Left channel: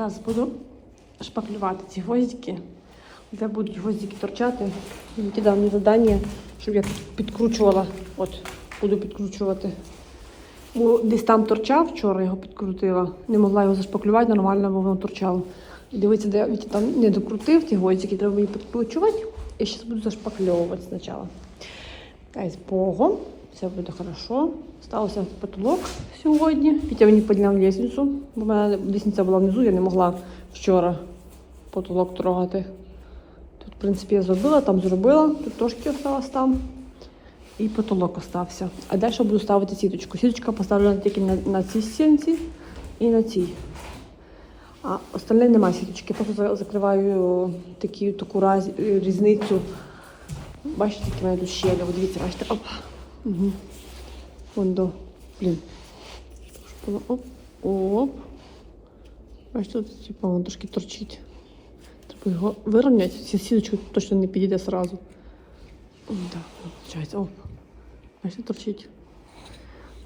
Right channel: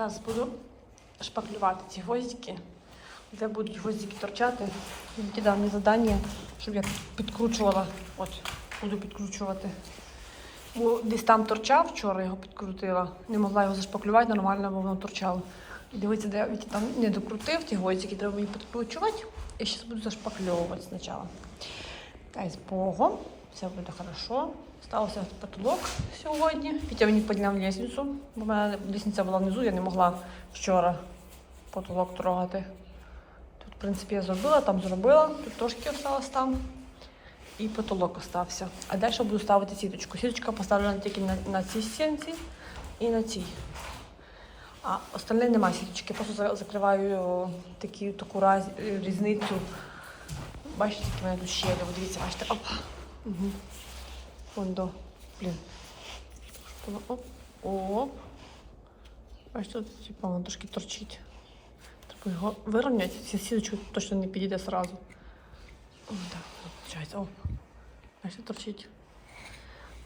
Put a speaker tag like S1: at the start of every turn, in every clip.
S1: Зараз буду шпаклювати ці гвоздики, де будуть гвоздики торчати. Кидав мені завдання, щоб я підкручувала. От, буду підкручувати. Бо десь там торчав, вчора його підкрутила. Не могла його зашпаклювати нормально, бо воно торчало. Дивіться, де я там не докрутив ті гвоздики, треба мені підкручувати. І зараз буду зашпакльовувати спочатку. Дай з Богом, все буде хорошо. Стався потолок сьогодні. Пітя мені підняв лісницю, бо в мене лісниця була внизу, я не могла вчора потолок трогати. Тут, в принципі, я зробила, там зробила, тут трошки осталось там. І потолок остався. А далі буду ставити сіточку. Сіточка поставлена тільки на, на цій стінці і на цій. А остальне немає сіточки. Просто закриваю такі, таку раз, різницю. Бачите, в мене тут щелі. Дивіться, бачите, оп. Угу. Вон до. Блін. Оп. Оп. Бачите, тут типу, воно трошки торчить. Треба його вирівняти. Ці сіточку точно не підійде сразу. О, так, виходить. О. Бачите, торчить.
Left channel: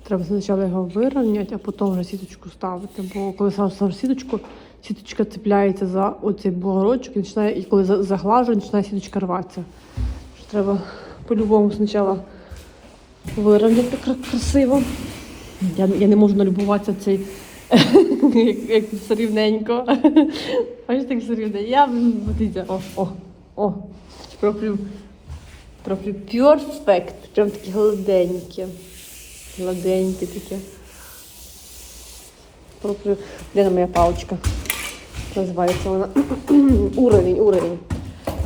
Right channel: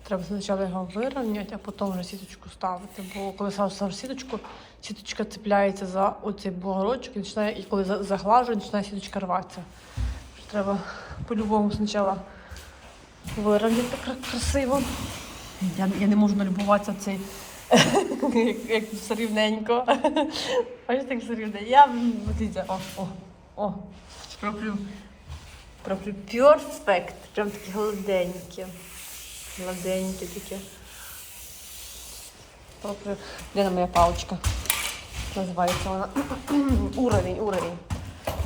S1: Треба спочатку його вирівняти, а потім вже сіточку ставити. Бо коли сам ставиш сіточку, сіточка цепляється за оцей бугорочок і, починає, і коли заглажує, починає сіточка рватися. Треба по-любому спочатку вирівняти кра- красиво. Я, я не можу налюбуватися цей як, все рівненько. Бачите, як все рівне. Я дивіться, о, о, о. Проплю. Проплю перфект. Прям такі гладенькі. Гладенькі такі. Проплю. Де моя паличка? Називається вона. уровень, уровень.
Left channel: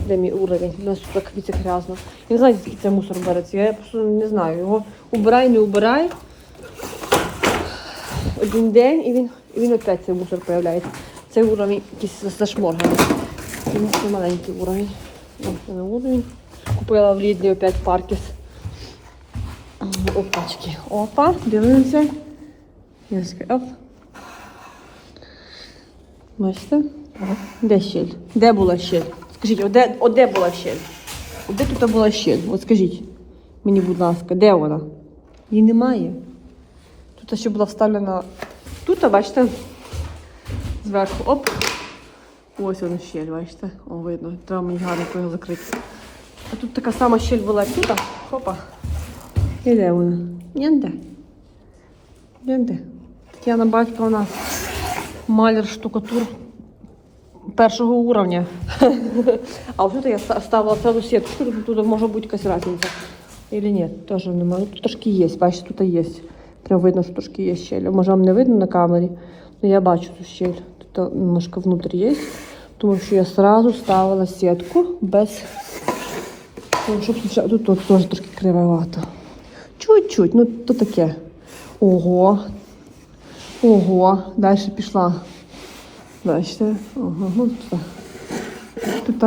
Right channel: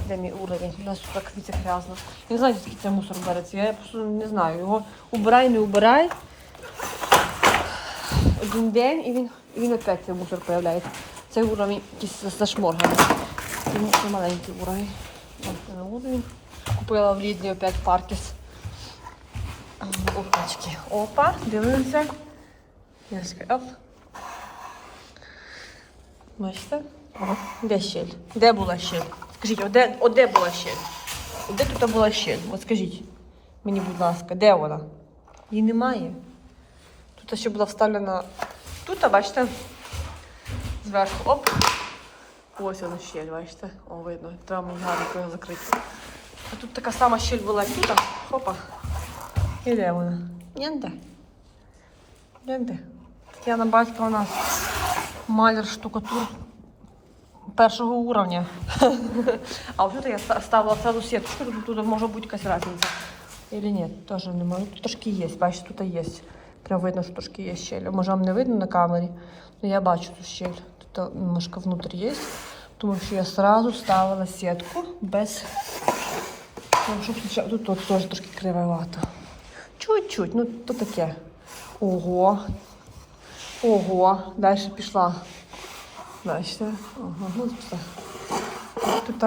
S1: Де мій уровень? У нас тут дивіться, грязно. Я не знаю, звідки цей мусор береться. Я просто не знаю. Його убирай, не убирай. Один день і він, і він опять цей мусор появляється. Цей уровень якийсь. Тому що маленький уровень. Купила в Лідлі опять паркіс. Опачки. Опа, дивимося. Оп. Бачите? Де щель? Де була щель? Скажіть, о, де, о, де була щель? Де тут була щель? От скажіть мені, будь ласка, де вона? Її немає. Тут ще була вставлена. Тут, бачите, зверху оп. Ось вона щель, бачите? О, видно. Треба мені гарно закрити. А тут така сама щель була тут. Хопа. І де вона? Ніде. Ніде. Тетяна Батько, вона маляр штукатур першого уровня. а вот это я ставила сразу сетку, чтобы тут може бути якась разниця. Или нет, тоже немає. Тут трошки є, бачите, тут є. Прям видно, що трошки є щель. Може вам не видно на камері, але я бачу тут щель. Тут немножко внутрь є. Тому що я сразу ставила сітку без. Ну, щоб спочатку- Тут, тут теж трошки кривовато. Чуть-чуть, ну то таке. Ого. Ого, далі пішла. Бачите? Ого. Тут.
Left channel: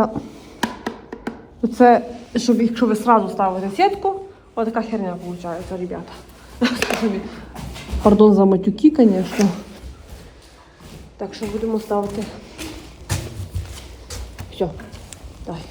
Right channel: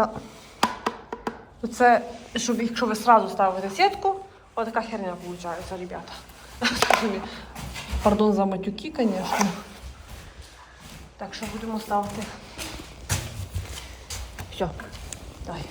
S1: Оце, щоб якщо ви сразу ставите сітку, отака херня виходить, ребята. Пардон за матюки, звісно. Так що будемо ставити. Все, дай.